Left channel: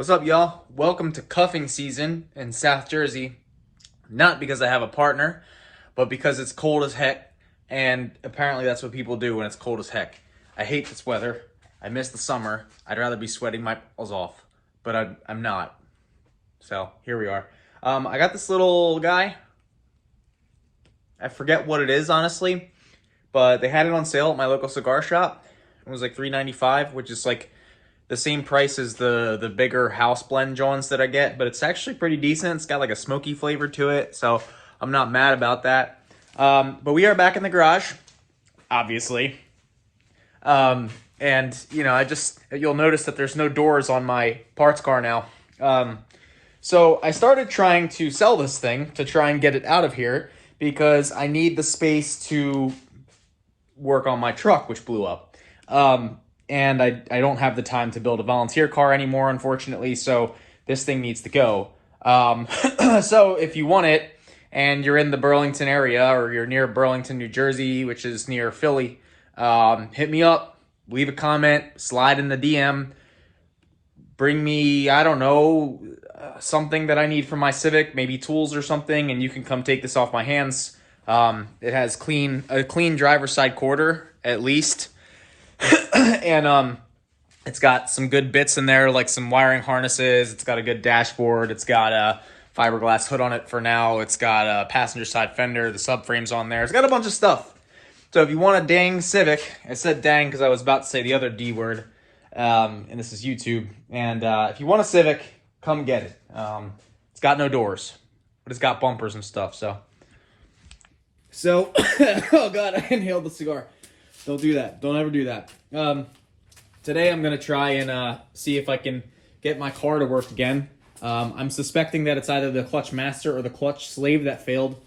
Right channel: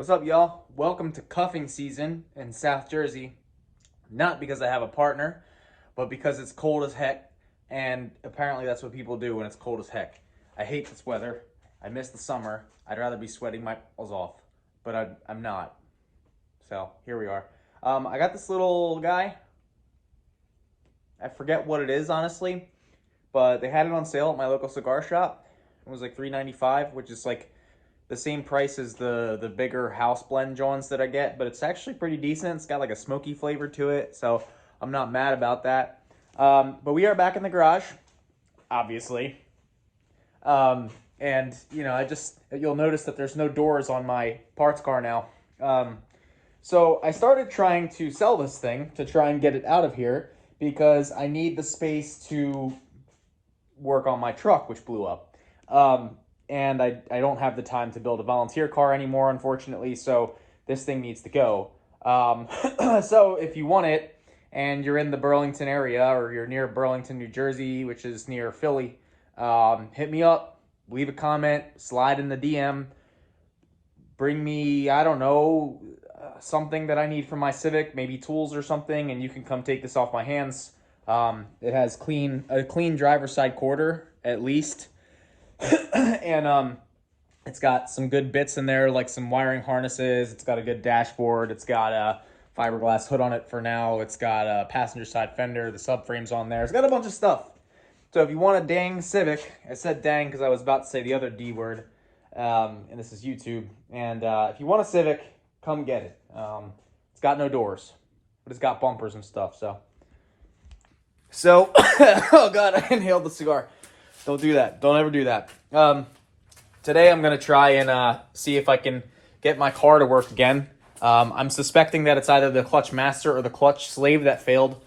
What's up, y'all? Welcome to cuffing season in South Jersey. Not because I have a partner, but because it's cold as heck, and apparently that's what people do when it's cold as heck. I hate this weather. I miss the summer. I'd rather be sweating my balls off, but I'm not. So here we are. I got this little guy. I forget what it is, honestly, but they had it on sale at my local cigar shop. It was like $3.95, which is like the same price as the bigger house blend joints that I get, but it's actually pretty decent. It's got like a smoky flavor to it, so I'm not mad about that. But we are back in the garage, obviously. And you know, you'll notice that there's no doors on my parts car now. So I started trying to sell this thing to try and get it out of here because I need the space to work on my truck, which blew up. And I don't have the time to build a volunteer car anymore, unfortunately, so this thing needs to go. So if you want it, and you're in the Burlington area, or you're near Burlington, New Jersey, which is near Philly, hit me up, leave a comment, slide in the DM, bring me, I don't know, something that I need for my Civic, maybe tools or something, and you can come take this off my hands. It has a clean driver's side quarter, at least. And it's got some good bits in there, like some wiring harnesses. It's got a good dashboard. It's got a fiberglass hood on it for now. It's got a passenger side fender. The subframe's on there. It's got a bunch of stuff. So if you want a dang Civic, I said dang because I was about to say the other D word, and this is YouTube. And if you want a Civic, come get it. It's got no doors, but it's got bumpers and stuff. So oh God, I inhaled the cigar. Don't do that. Don't ever do that. Today I'm going to try and see if I can get my car to work again. I'm suspecting that it's either the clutch master or the clutch slave that failed.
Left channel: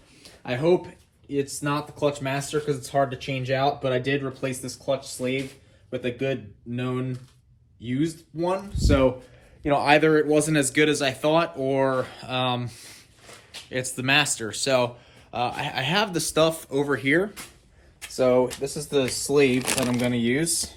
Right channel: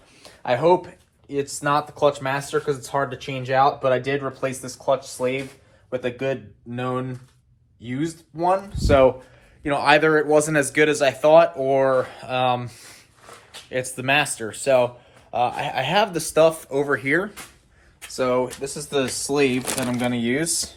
I hope it's not the clutch master because it's hard to change out, but I did replace this clutch slave with a good known used one. So, you know, either it wasn't as good as I thought or it's the master. So I have the stuff over here. So this is the sleeve that I'm going to use.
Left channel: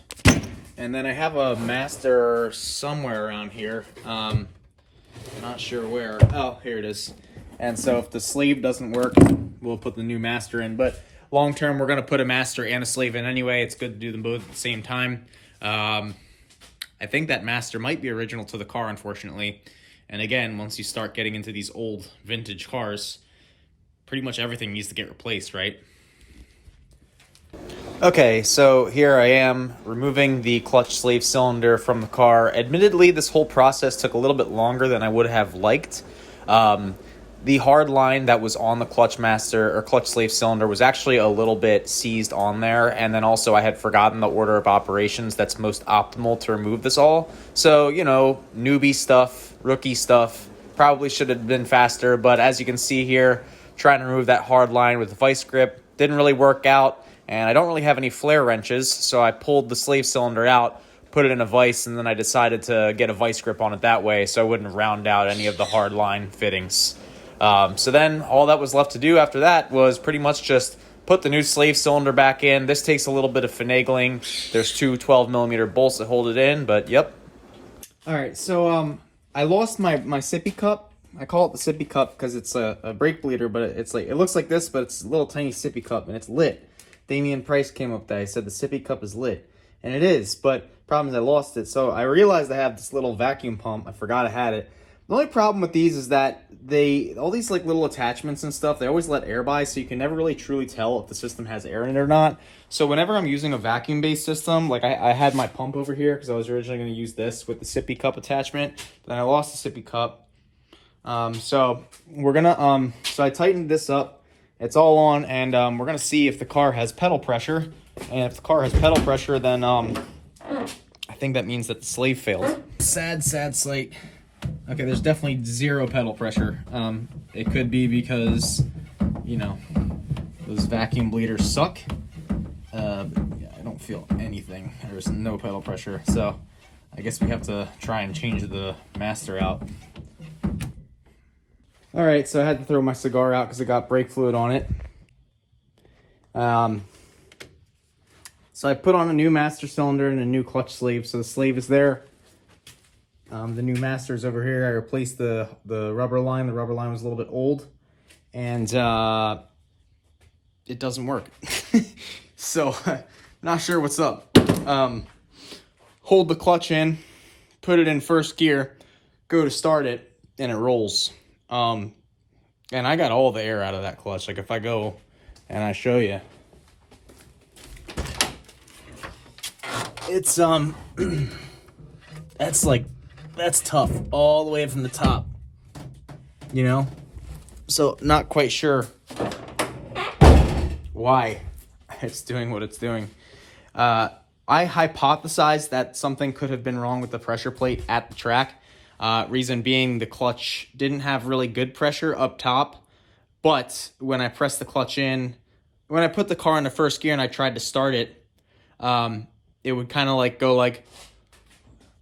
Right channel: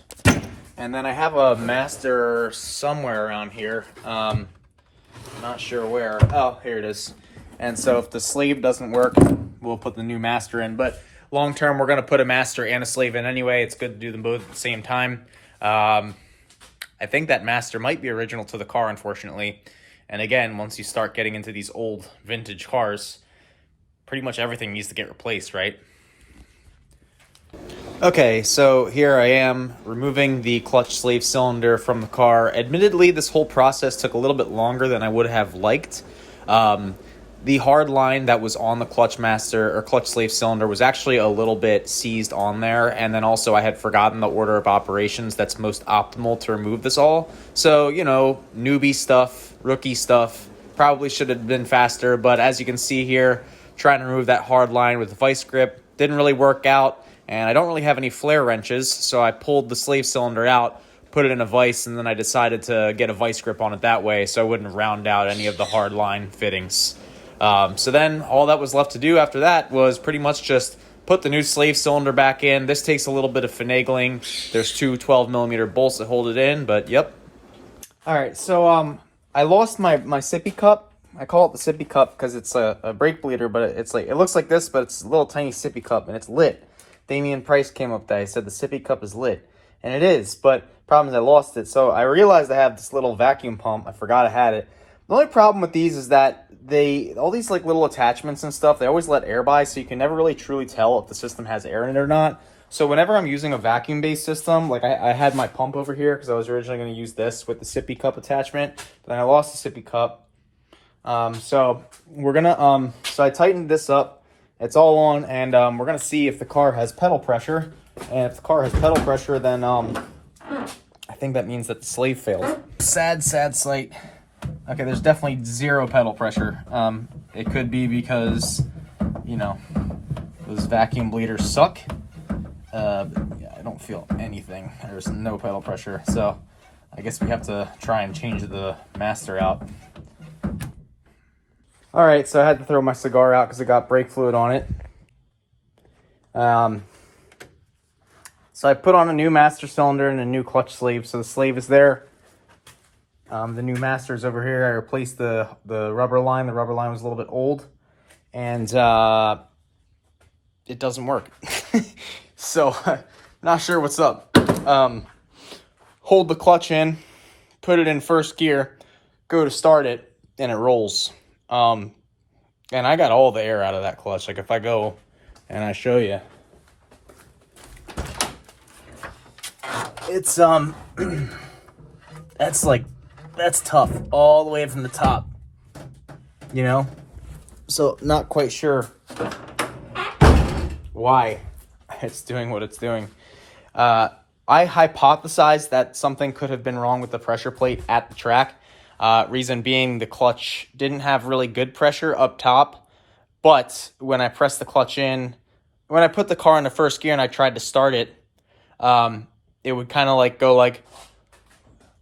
And then I have a master somewhere around here. Not sure where. Oh, here it is. And so if the sleeve doesn't work, we'll put the new master in. But long term, we're going to put a master and a sleeve in anyway. It's good to do them both at the same time. I think that master might be original to the car, unfortunately. And again, once you start getting into these old vintage cars, pretty much everything needs to get replaced, right? Okay, so here I am removing the clutch slave cylinder from the car. Admittedly, this whole process took a little bit longer than I would have liked. The hard line that was on the clutch master or clutch slave cylinder was actually a little bit seized on there, and then also I had forgotten the order of operations that's most optimal to remove this all. So, you know, newbie stuff, rookie stuff, probably should have been faster, but as you can see here, trying to remove that hard line with the vice grip didn't really work out. And I don't really have any flare wrenches, so I pulled the slave cylinder out, put it in a vise, and then I decided to get a vice grip on it that way so I wouldn't round out any of the hard line fittings. So then all that was left to do after that was pretty much just put the new slave cylinder back in. This takes a little bit of finagling. There's two 12mm bolts that hold it in, but yep. All right, so I lost my sippy cup. I call it the sippy cup because it's a brake bleeder, but it looks like this, but it's a little tiny sippy cup, and it's lit. Damian Price came up there. He said the sippy cup is lit. And it is, but problem is I lost it. So I realized I have this little vacuum pump. I forgot I had it. The only problem with these is that all these like little attachments and stuff, they always let air by, so you can never really truly tell if the system has air in it or not. So whenever I'm using a vacuum-based system, like I had my pump over here because I was originally going to use this with the sippy cup attachment. But then I lost the sippy cup. So we're going to, so I tightened this up. It's all on, and we're going to see if the car has pedal pressure. And if the car has pedal pressure, then I think that means that the slave failed. Sad sight. Okay, there's definitely zero pedal pressure. It could be because, you know, those vacuum bleeders suck. Yeah, I don't feel anything. There's no pedal pressure. So I guess we have to try and change the master out. All right, so I had to throw my cigar out because it got brake fluid on it. So I put on a new master cylinder and a new clutch sleeve. So the sleeve is there. The new Masters over here, I replaced the rubber line. The rubber line was a little bit old, and it doesn't work. So, not sure what's up. Hold the clutch in, put it in first gear, go to start it, and it rolls. And I got all the air out of that clutch. Like if I go and I show you, it's that's tough all the way from the top, you know? So not quite sure why it's doing what it's doing. I hypothesized that something could have been wrong with the pressure plate at the track. Reason being, the clutch didn't have really good pressure up top, but when I pressed the clutch in, when I put the car into first gear and I tried to start it, it would kind of like go like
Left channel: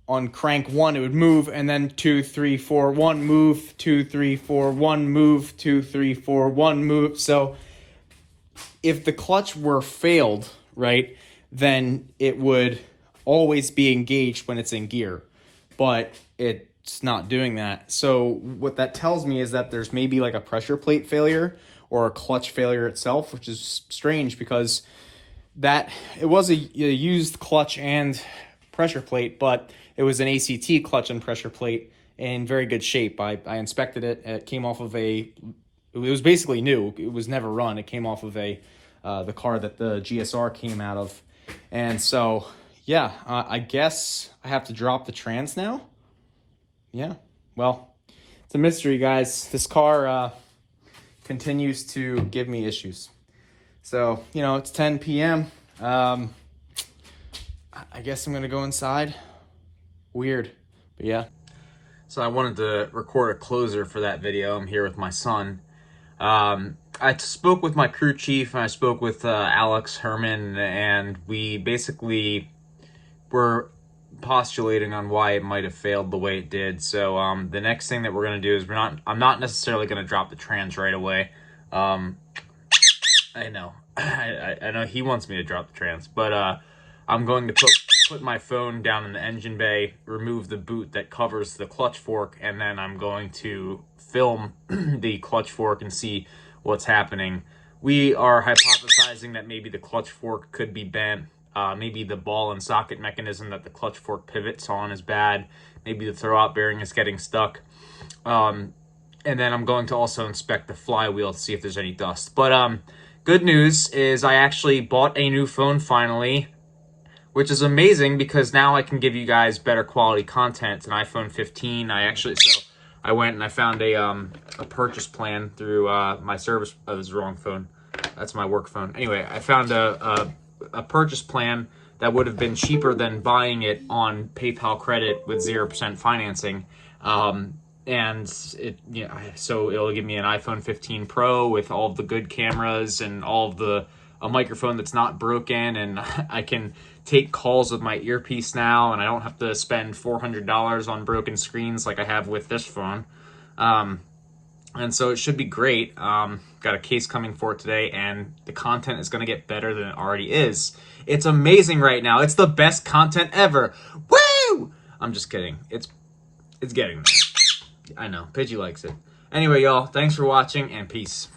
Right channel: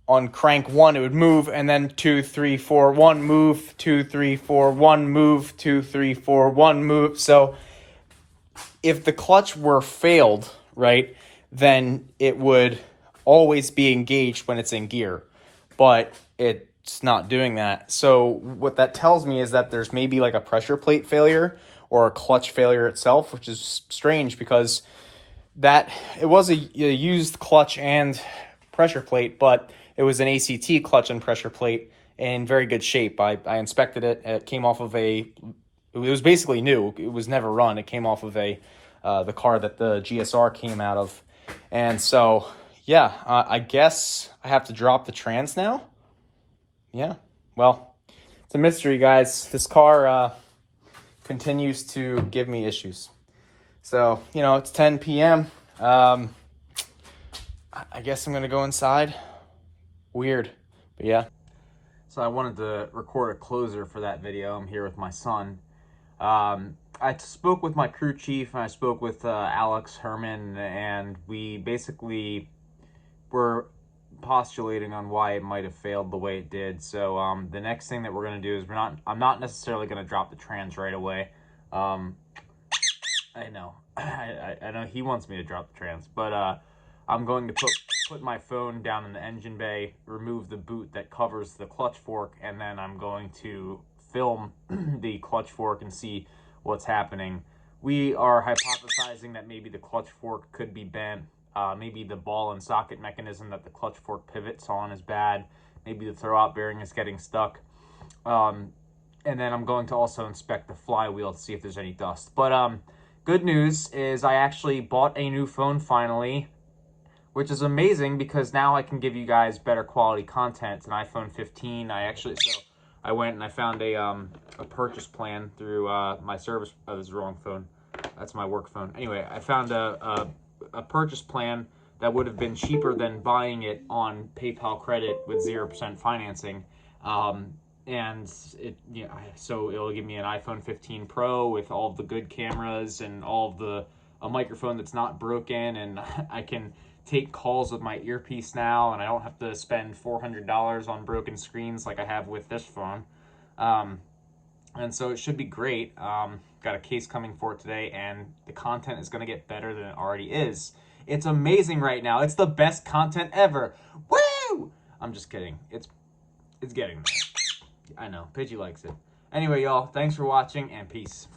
on crank 1, it would move, and then 2, 3, 4, 1, move, 2, 3, 4, 1, move, 2, 3, 4, 1, move. So if the clutch were failed, right, then it would always be engaged when it's in gear, but it's not doing that. So what that tells me is that there's maybe like a pressure plate failure or a clutch failure itself, which is strange because that it was a used clutch and pressure plate, but it was an ACT clutch and pressure plate in very good shape. I inspected it. It came off of it was basically new. It was never run. It came off of the car that the GSR came out of. And so, yeah, I guess I have to drop the trans now. Yeah, well, it's a mystery, guys. This car continues to give me issues. So, you know, it's 10 p.m. I guess I'm going to go inside. Weird, but yeah. So I wanted to record a closer for that video. I'm here with my son. I spoke with my crew chief, and I spoke with Alex Herman, and we basically were postulating on why it might have failed the way it did. So the next thing that we're going to do is I'm not necessarily going to drop the trans right away. I know. I know he wants me to drop the trans, but I'm going to put my phone down in the engine bay, remove the boot that covers the clutch fork, and then I'm going to film the clutch fork and see what's happening. We are hypothesizing that maybe the clutch fork could be bent. Maybe the ball and socket mechanism that the clutch fork pivots on is bad. Maybe the throwout bearing is getting stuck. And then I'm going to also inspect the flywheel to see if there's any dust. But good news is I actually bought a new phone finally, which is amazing because now I can give you guys better quality content. It's an iPhone 15. I went and I found a purchase plan through my service. Oh, this is the wrong phone. That's my work phone. Anyway, I found a purchase plan that would have been cheaper than buying it on PayPal credit with 0% financing. And so it'll give me an iPhone 15 Pro with all of the good cameras and all of a microphone that's not broken, and I can take calls with my earpiece now, and I don't have to spend $400 on broken screens like I have with this phone. And so it should be great. Got a case coming for it today, and the content is going to get better than it already is. It's amazing right now. It's the best content ever. Woo! I'm just kidding. It's getting there. I know. Pidgey likes it. Anyway, y'all, thanks for watching, and peace.